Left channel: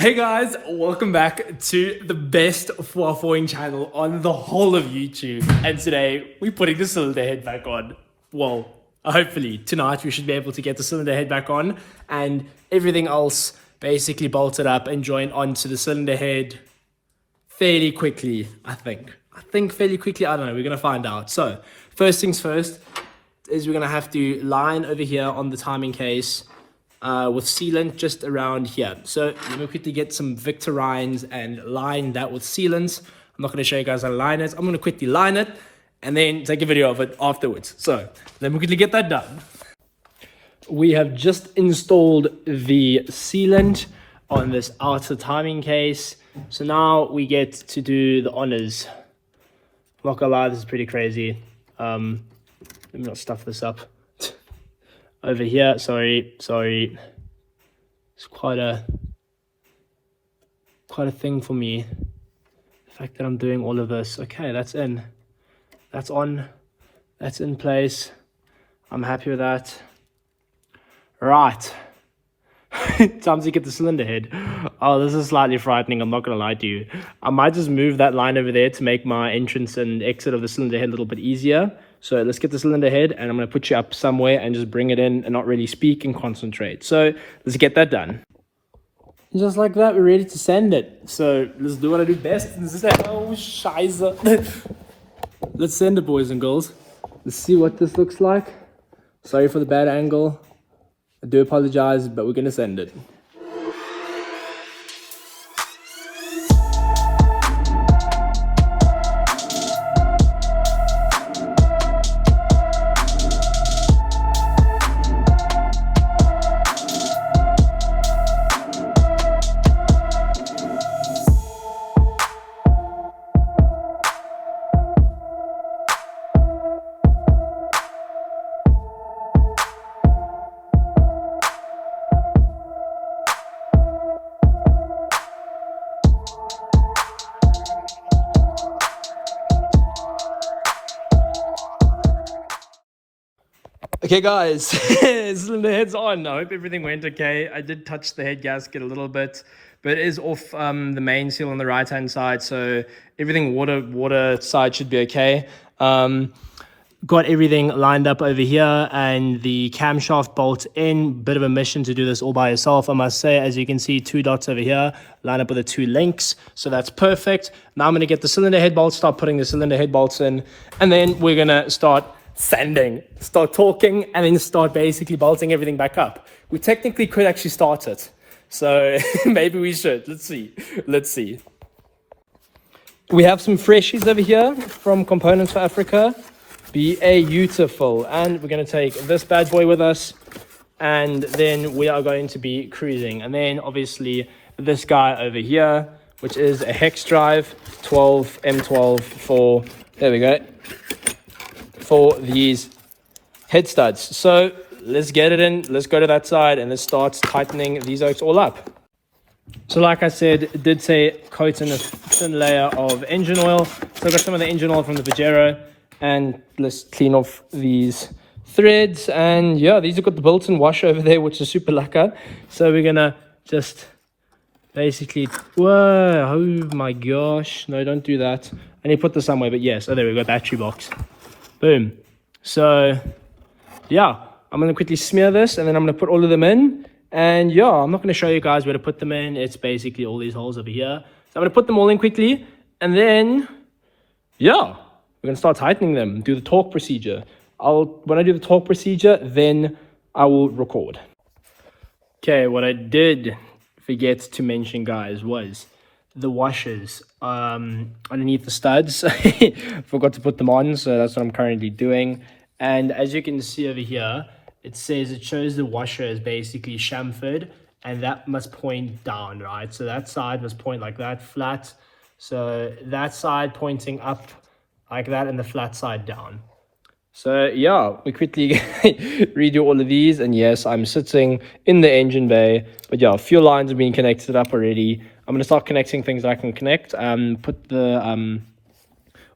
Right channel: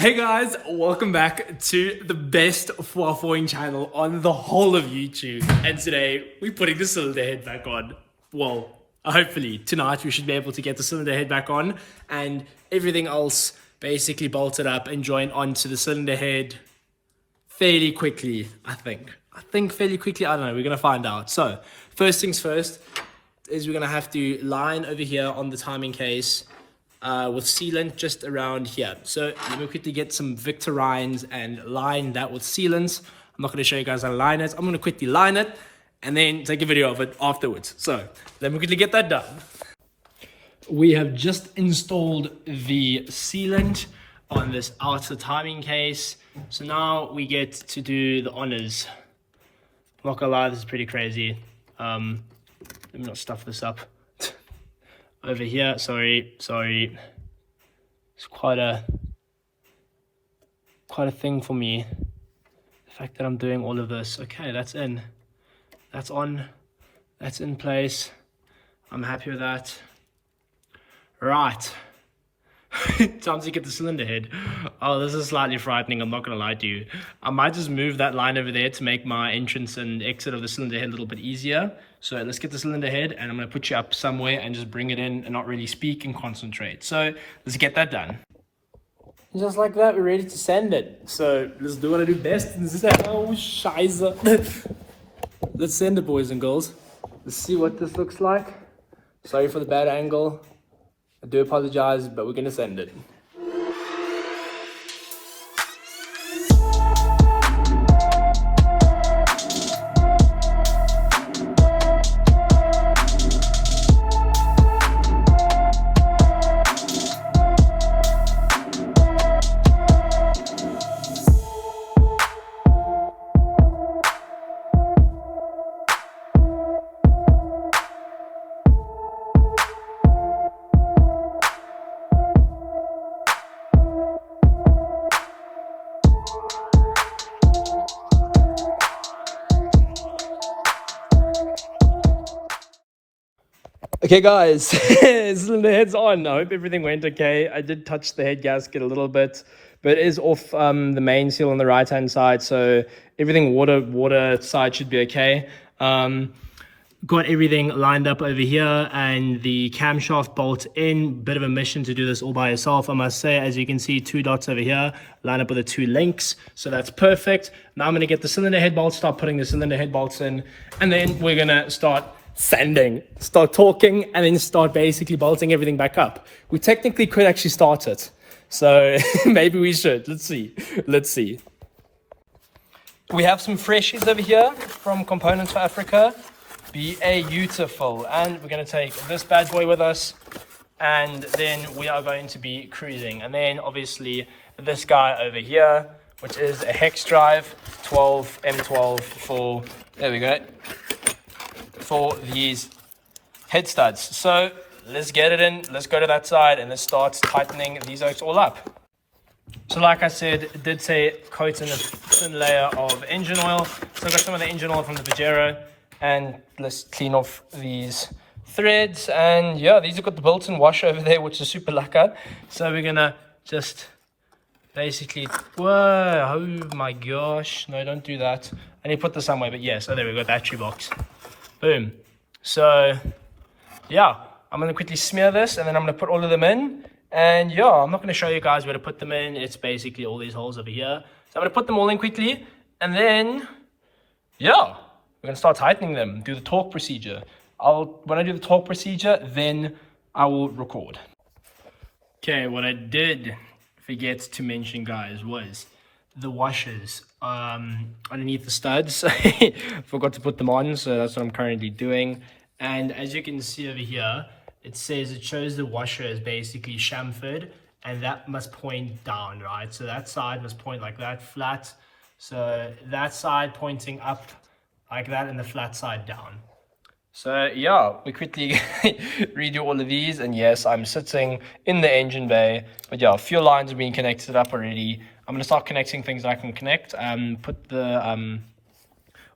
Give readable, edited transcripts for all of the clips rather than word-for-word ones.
Hey guys, welcome back to the best waffling channel on the whole of YouTube. And today we're putting the cylinder head back on. Well, hopefully tonight we should be able to get the cylinder head back on and everything else basically bolted up and joined onto the cylinder head fairly quickly, I think. Fairly quickly, I don't know, we're gonna find out. So, first things first is we're gonna have to line over here on the timing case with sealant just around here. So let me quickly get some Victorines and line that with sealants. I'm not going to show you guys how to line it. I'm going to quickly line it and then take a video of it afterwards. So let me quickly get that done. We have just installed the sealant on this outer timing case. So now we get to do the honors. I'm not gonna lie, this is pretty crazy. Let me not stuff this up. Over here, sorry. It's quite a thing for me. The fact that I'm doing all of this. Okay, that's in. That's on. That's in place. I'm happy with that. Right. Time to get the cylinder head. Oh, this is slightly frightening, I'm not gonna lie to you. I might just move that line over there to make my entrance and exit of the cylinder head a little bit easier. So let's get the cylinder head and I'm gonna put you up somewhere and just bring it in and not really speak and concentrate. So let's get that done. Just like that, we're ready to send it. So let's do what I do best. Oh, scheiße. Let's send it, boys and girls. Let's see what this looks like. Sorry for the bad angle. I do apologize, but we're gonna send it. Okay guys, cylinder head's on. I hope everything went okay. I did touch the head gasket a little bit, but it is off the main seal on the right hand side, so everything water side should be okay. Got everything lined up over here and the camshaft bolt in. Bit of a mission to do this all by yourself, I must say. As you can see, 2 dots over here line up with the 2 links, so that's perfect. Now I'm going to get the cylinder head bolts, start putting the cylinder head bolts in, and then we're going to start sanding, start talking, and then start basically bolting everything back up. We technically could actually start it, so maybe we should. Let's see. We have some freshies over here from Components for Africa. Beautiful. And we're going to take this bad boy with us, and then we are going to be cruising. And then obviously this guy over here, which is a hex drive 12 M12 for, there we go, for these head studs. So let's get it in, let's go to that side, and let's start tightening these oaks all up. So like I said, it did say coat in a thin layer of engine oil. So I got some of the engine oil from the Pajero, and let's clean off these threads. And yeah, these have got the built-in washer over there, which is super lacquer. So we're gonna just basically, whoa, oh my gosh, no, don't do that. I need to put this somewhere, but yes, oh there we go, battery box. Boom. So yeah, I'm gonna quickly smear this and then I'm gonna put all of them in. And yeah, I'm not gonna show you guys where to put them in. It's basically all these holes over here. So I'm gonna put them all in quickly, and then yeah, we're gonna start tightening them, do the torque procedure. When I do the torque procedure, then I will record. Okay, what I did forget to mention, guys, was the washers underneath the studs. Forgot to put them on, so that's what I'm currently doing. And as you can see over here, it shows the washer is basically chamfered, and that must point down, right? So that side must point like that, flat. So that side pointing up like that, and the flat side down. So yeah, we quickly redo all of these, and yes, I'm sitting in the engine bay, but yeah, fuel lines have been connected up already. I'm going to start connecting things I can connect. Put the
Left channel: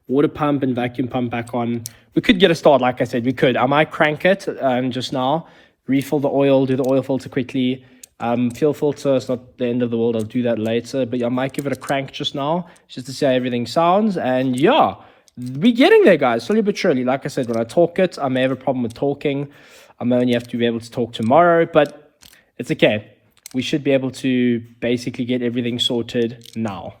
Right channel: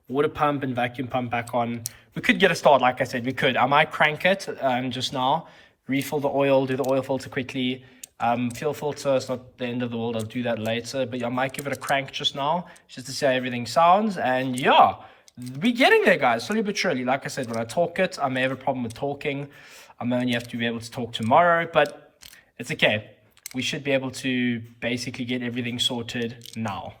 water pump and vacuum pump back on. We could get a start, like I said, we could. I might crank it just now, refill the oil, do the oil filter quickly, Fuel filter, it's not the end of the world. I'll do that later. But yeah, I might give it a crank just now, just to see how everything sounds. And yeah, we're getting there, guys, slowly but surely. Like I said, when I talk it, I may have a problem with talking. I may only have to be able to talk tomorrow, but it's okay. We should be able to basically get everything sorted now.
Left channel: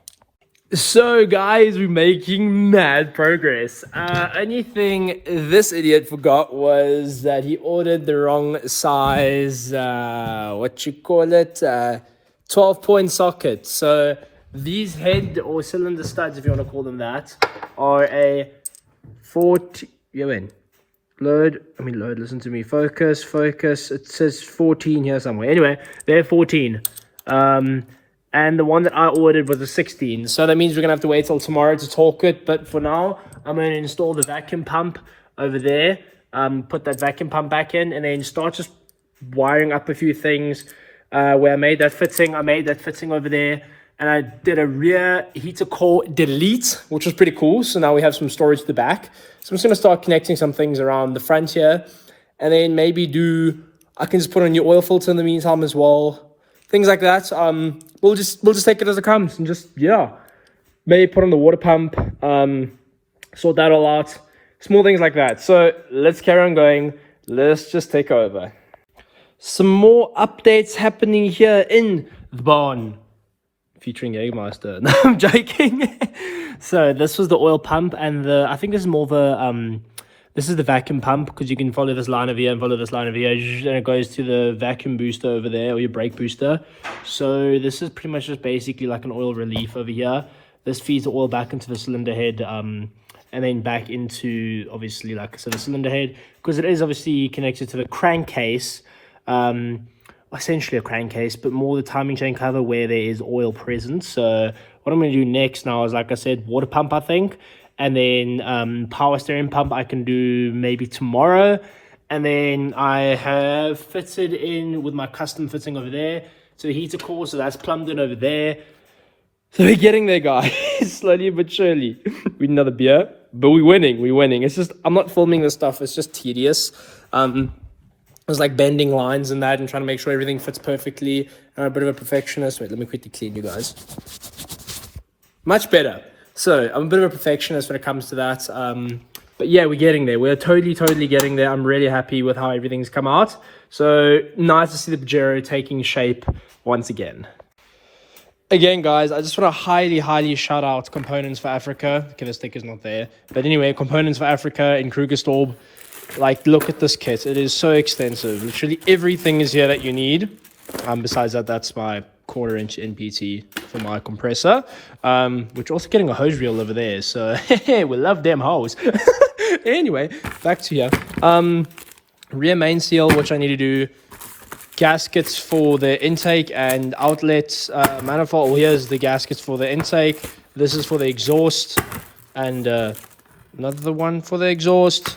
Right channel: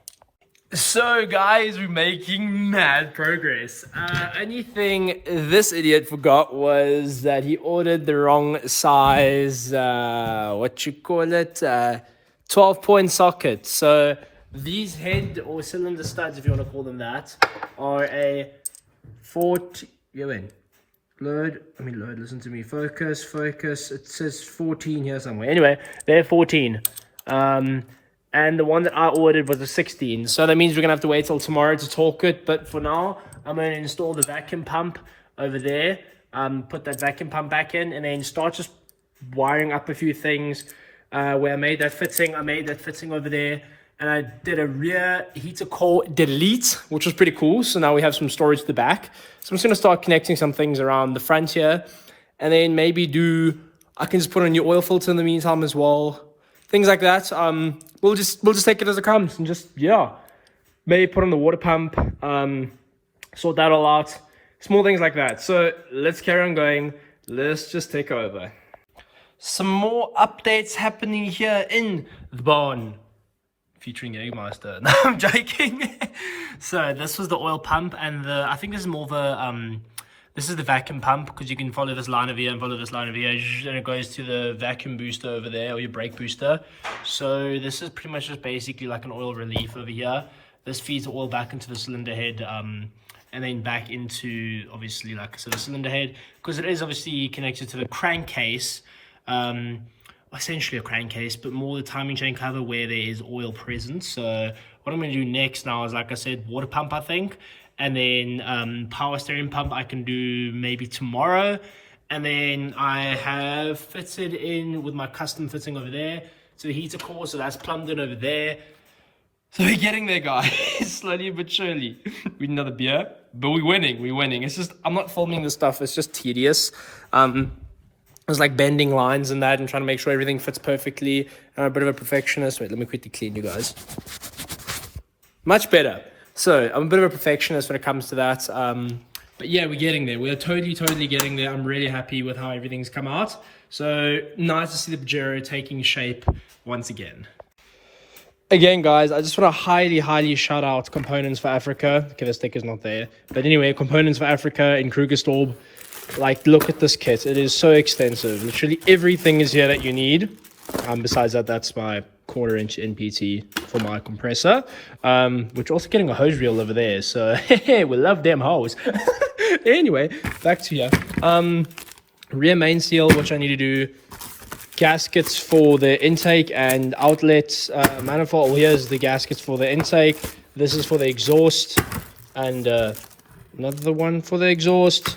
So guys, we're making mad progress. Only thing this idiot forgot was that he ordered the wrong size, 12-point socket. So these head or cylinder studs, if you want to call them that, are a 40, load, listen to me, focus, it says 14 here somewhere. Anyway, they're 14. And the one that I ordered was a 16. So that means we're going to have to wait till tomorrow to torque it. But for now, I'm going to install the vacuum pump over there. Put that vacuum pump back in and then start just wiring up a few things. Where I made that fitting over there. And I did a rear heater core delete, which was pretty cool. So now we have some storage at the back. So I'm just going to start connecting some things around the front here. And then maybe I can just put a new oil filter in the meantime as well. Things like that. We'll just take it as it comes and just, yeah, maybe put on the water pump, sort that all out, small things like that. So let's carry on going. Let's just take over. Some more updates happening here in the barn, featuring Jägermeister. No, I'm joking. So this was the oil pump, and I think this is more the this is the vacuum pump, because you can follow this line over here and follow this line over here, and it goes to the vacuum booster over there, or your brake booster. So this is pretty much just basically like an oil relief over here. This feeds the oil back into the cylinder head, and then back into, obviously, like I said, the cylinder head, because it is obviously connected to the crankcase, essentially a crankcase, but more the timing chain cover where there is oil present. So what I'm going to do next now is, like I said, water pump, I think. And then power steering pump I can do maybe tomorrow. And then I have fitted in with my custom fitting over there. So the heater core, so that's plumbed in over there. So we're getting there, guys. Slowly but surely. We need another beer, but we're winning. It's just, I'm not filming this stuff. It's just tedious. It's like bending lines and that and trying to make sure everything fits perfectly. I'm a bit of a perfectionist. Wait, let me quickly clean you guys. Much better. So I'm a bit of a perfectionist when it comes to that. But yeah, we're getting there. We're totally getting there. I'm really happy with how everything's come out. So nice to see the Pajero taking shape once again. Again, guys, I just want to highly shout out Components for Africa. Okay, the sticker's not there. But anyway, Components for Africa in Krugersdorp. Like, look at this kit. It is so extensive. Literally everything is here that you need. Besides that, that's my 1/4-inch NPT for my compressor, which also getting a hose reel over there, so we love them hose. Anyway, back to here. Rear main seal, which I need to do, gaskets for the intake and outlet manifold. Oh, here's the gaskets for the intake, this is for the exhaust, and another one for the exhaust.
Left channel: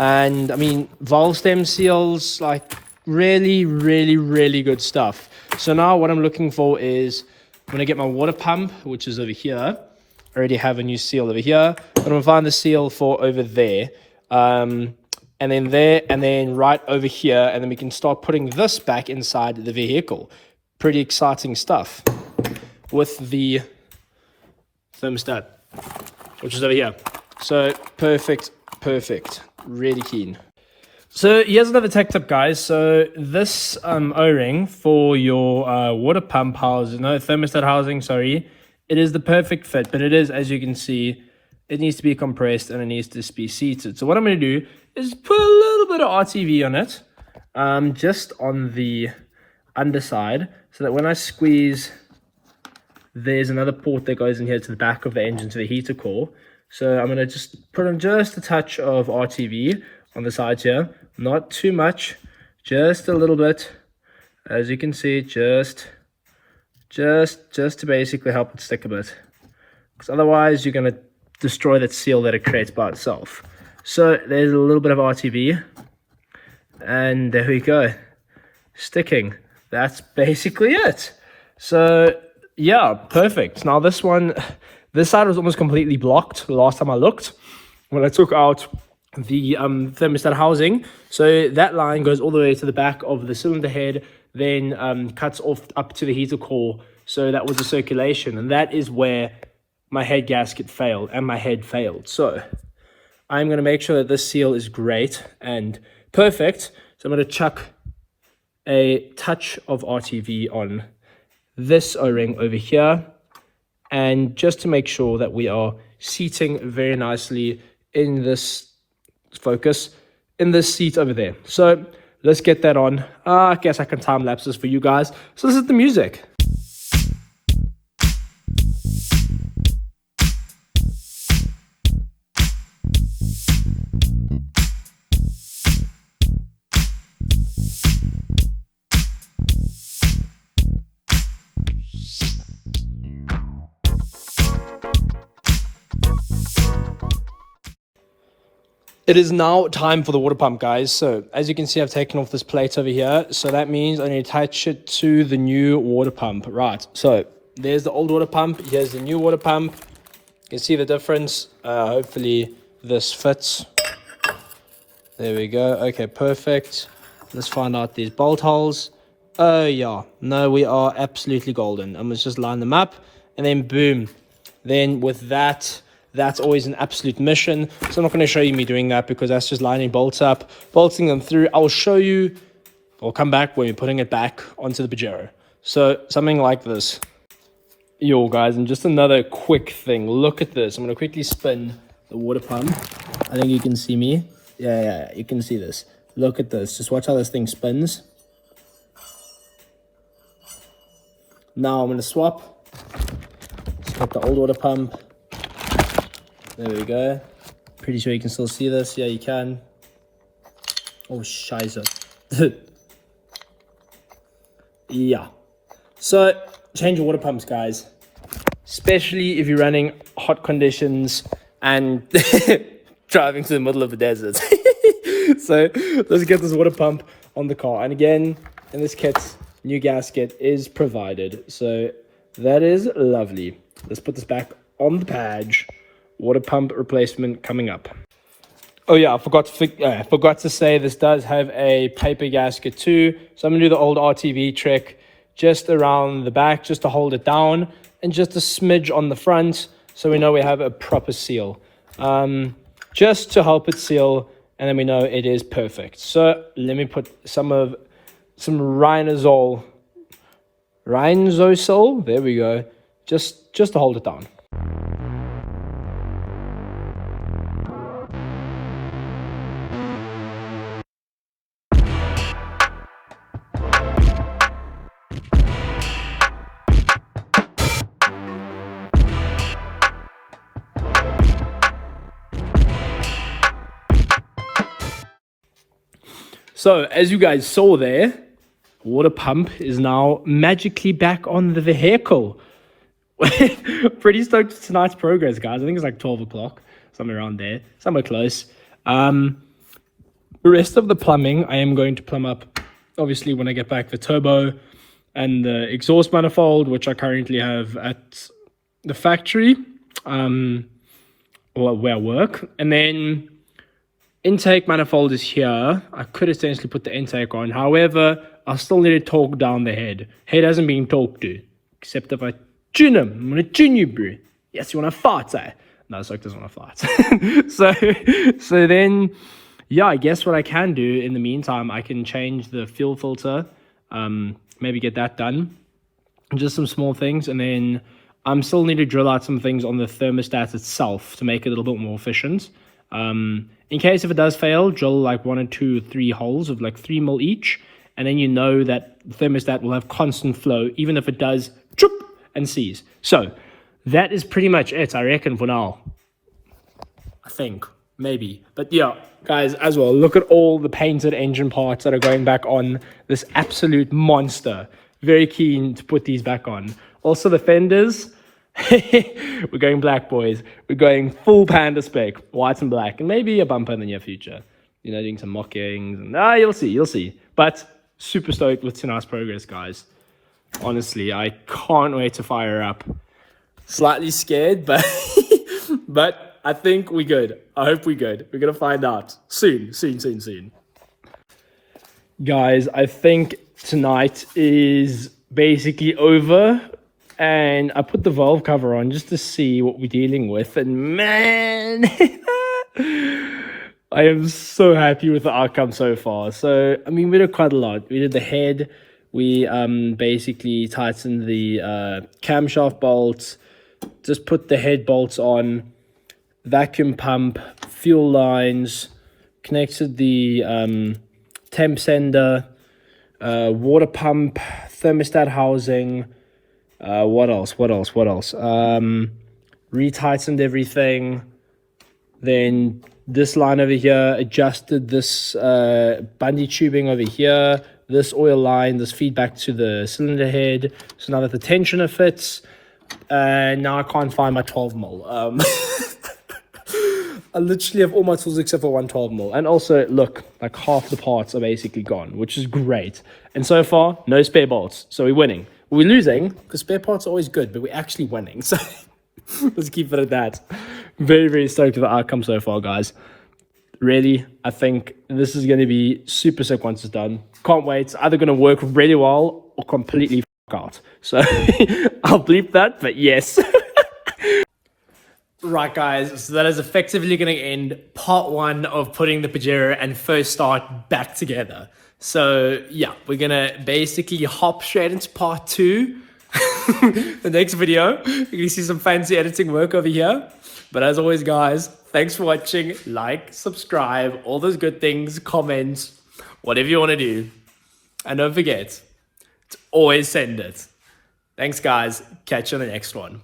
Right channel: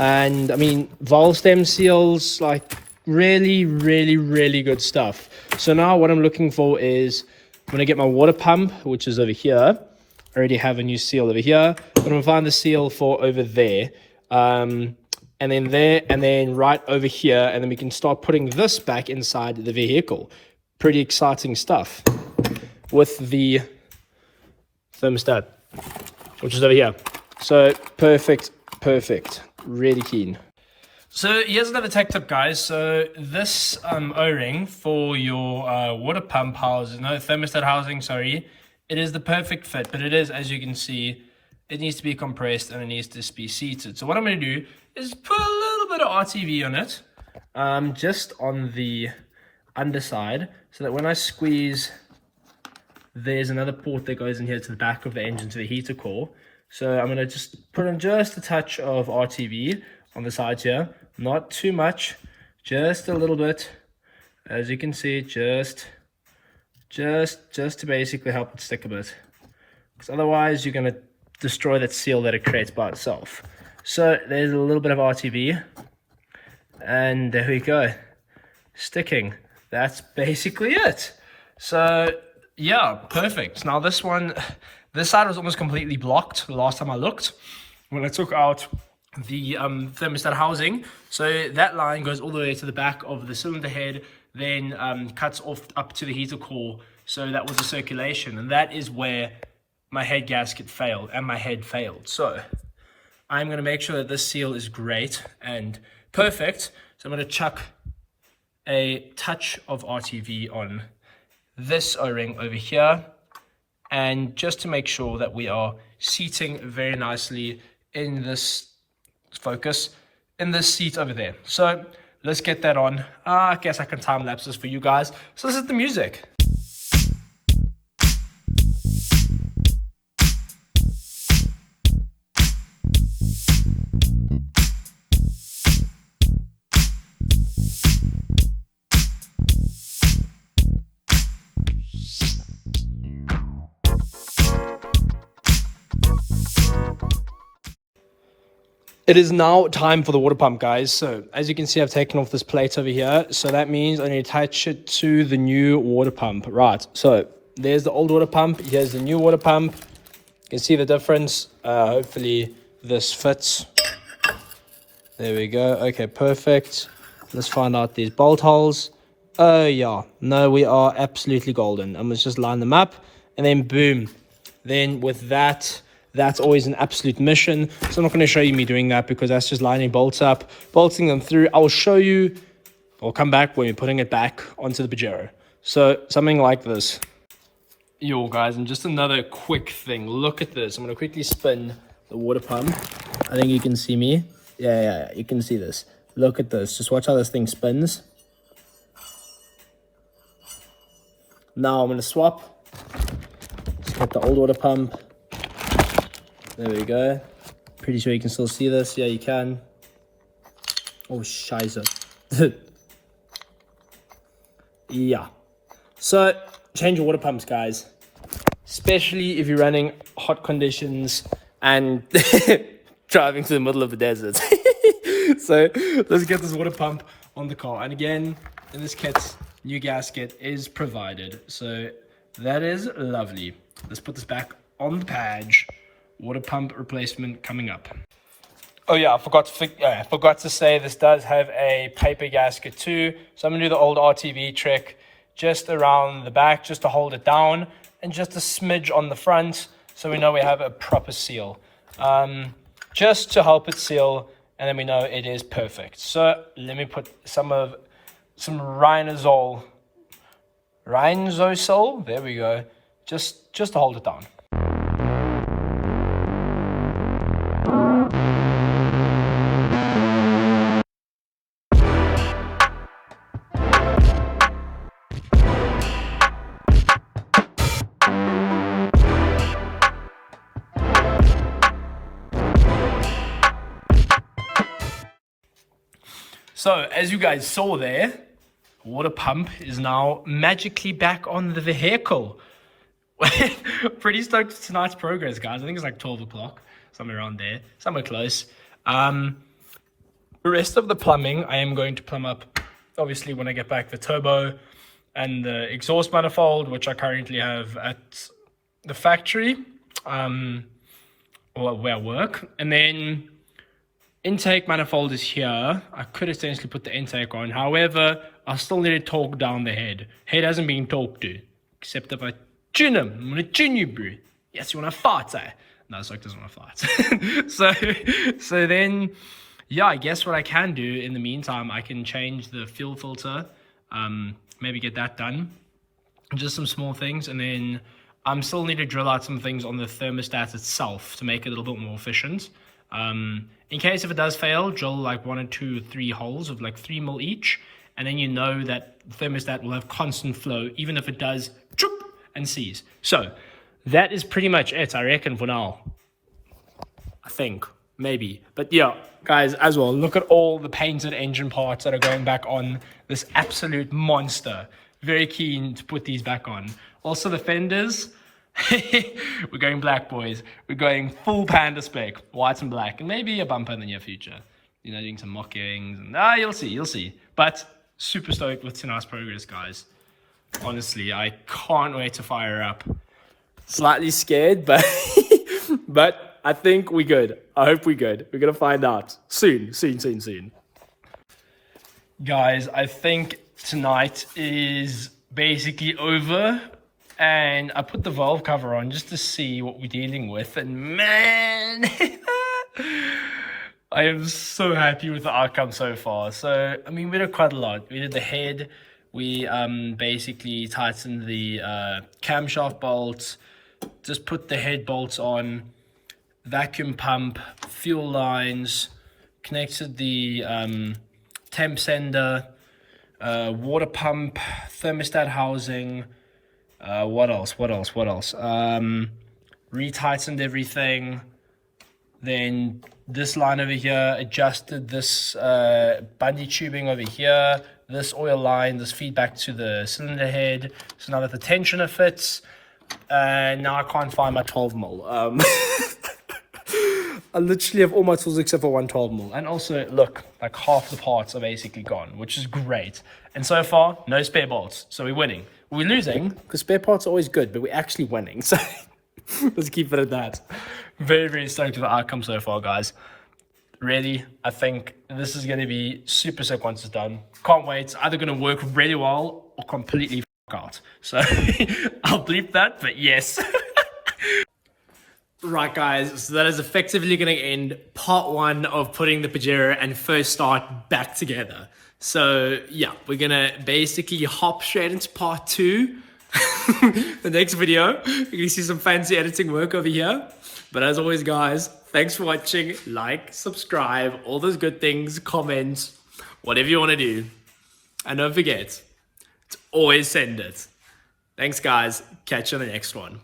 And I mean, valve stem seals, like really good stuff. So now what I'm looking for is, I'm going to get my water pump, which is over here. I already have a new seal over here, but I'm going to find the seal for over there, and then there, and then right over here, and then we can start putting this back inside the vehicle. Pretty exciting stuff with the thermostat, which is over here. So perfect, really keen. So here's another tech tip, guys. So this O-ring for your water pump housing, no, thermostat housing, sorry, it is the perfect fit, but it is, as you can see, it needs to be compressed and it needs to be seated. So what I'm going to do is put a little bit of RTV on it, just on the underside, so that when I squeeze, there's another port that goes in here to the back of the engine, to the heater core. So I'm going to just put on just a touch of RTV on the sides here, not too much, just a little bit, as you can see, just to basically help it stick a bit, because otherwise you're going to destroy that seal that it creates by itself. So there's a little bit of RTV, and there we go, sticking. That's basically it. So yeah, perfect. Now this side was almost completely blocked the last time I looked when I took out the thermostat housing. So that line goes all the way to the back of the cylinder head, then cuts off up to the heater core. So that was the circulation, and that is where my head gasket failed and my head failed. So I'm going to make sure that this seal is great and perfect. So I'm going to chuck a touch of RTV on this O-ring over here, and just to make sure that we are seating very nicely in this focus, in this seat over there. So let's get that on. I guess I can time lapse this for you guys. So this is the music. It is now time for the water pump, guys. So as you can see, I've taken off this plate over here. So that means I need to attach it to the new water pump. Right, so there's the old water pump. Here's the new water pump. You can see the difference. Hopefully this fits. There we go. Okay, perfect. Let's find out these bolt holes. Oh yeah, no, we are absolutely golden. And let's just line them up, and then boom. Then with that, that's always an absolute mission. So I'm not going to show you me doing that because that's just lining bolts up, bolting them through. I'll show you, I'll come back when we're putting it back onto the Pajero. So something like this. Yo guys, and just another quick thing. Look at this. I'm going to quickly spin the water pump. I think you can see me. Yeah, you can see this. Look at this. Just watch how this thing spins. Now I'm going to swap. Let's get the old water pump. There we go. Pretty sure you can still see this. Yeah, you can. Oh, scheiße. Yeah. So, change your water pumps, guys. Especially if you're running hot conditions and driving to the middle of the desert. So, let's get this water pump on the car. And again, in this kit, new gasket is provided. So, that is lovely. Let's put this back on the page. Water pump replacement coming up. Oh yeah, I forgot to say this does have a paper gasket too. So I'm gonna do the old RTV trick just around the back, just to hold it down, and just a smidge on the front, so we know we have a proper seal. Just to help it seal, and then we know it is perfect. So let me put some Rhinazole. There we go. Just to hold it down. So, as you guys saw there, water pump is now magically back on the vehicle. Pretty stoked with tonight's progress, guys. I think it's like 12 o'clock, somewhere around there, somewhere close. The rest of the plumbing, I am going to plumb up, obviously, when I get back the turbo and the exhaust manifold, which I currently have at the factory, or where I work. And then intake manifold is here. I could essentially put the intake on. However, I still need to torque down the head. Head hasn't been torqued to, except if I tune him. I'm going to tune you, bro. Yes, you want to fart, eh? No, Soak doesn't want to fart. So then, yeah, I guess what I can do in the meantime, I can change the fuel filter, maybe get that done. Just some small things, and then I still need to drill out some things on the thermostat itself to make it a little bit more efficient. In case if it does fail, drill like 1 or 2 or 3 holes of like 3 mil each, and then you know that the thermostat will have constant flow, even if it does choop and seize. So that is pretty much it, I reckon, for now. I think, maybe. But yeah, guys, as well, look at all the painted engine parts that are going back on this absolute monster. Very keen to put these back on. Also the fenders. We're going black, boys. We're going full panda spec, white and black, and maybe a bumper in the near future. You know, doing some mockings, and you'll see. But super stoked with tonight's progress, guys. Honestly, I can't wait to fire up. Slightly scared, but but I think we're good. I hope we're good. We're gonna find out soon. Guys, I think tonight is basically over, and I put the valve cover on just to see what we're dealing with, and man, I am so happy with the outcome so far. So, I mean, we did quite a lot. We did the head, we basically tightened the camshaft bolts, just put the head bolts on, vacuum pump, fuel lines, connected the temp sender, water pump, thermostat housing, what else? Retightened everything. Then this line over here, adjusted this bungee tubing over here, this oil line, this feedback to the cylinder head. So now that the tensioner fits, now I can't find my 12 mil. I literally have all my tools except for one 12 mil. And also, look, like half the parts are basically gone, which is great. And so far, no spare bolts. So we're winning. We're losing because spare parts are always good, but we're actually winning. So let's keep it at that. Very, very stoked with the outcome so far, guys. Really, I think this is going to be super sick once it's done. Can't wait. It's either going to work really well or completely out. So I'll bleep that, but yes. Right, guys, so that is effectively going to end part one of putting the Pajero and first start back together. So yeah, we're going to basically hop straight into part two. The next video, you're going to see some fancy editing work over here. But as always, guys, thanks for watching. Like, subscribe, all those good things, comments, whatever you want to do. And don't forget to always send it. Thanks, guys. Catch you on the next one.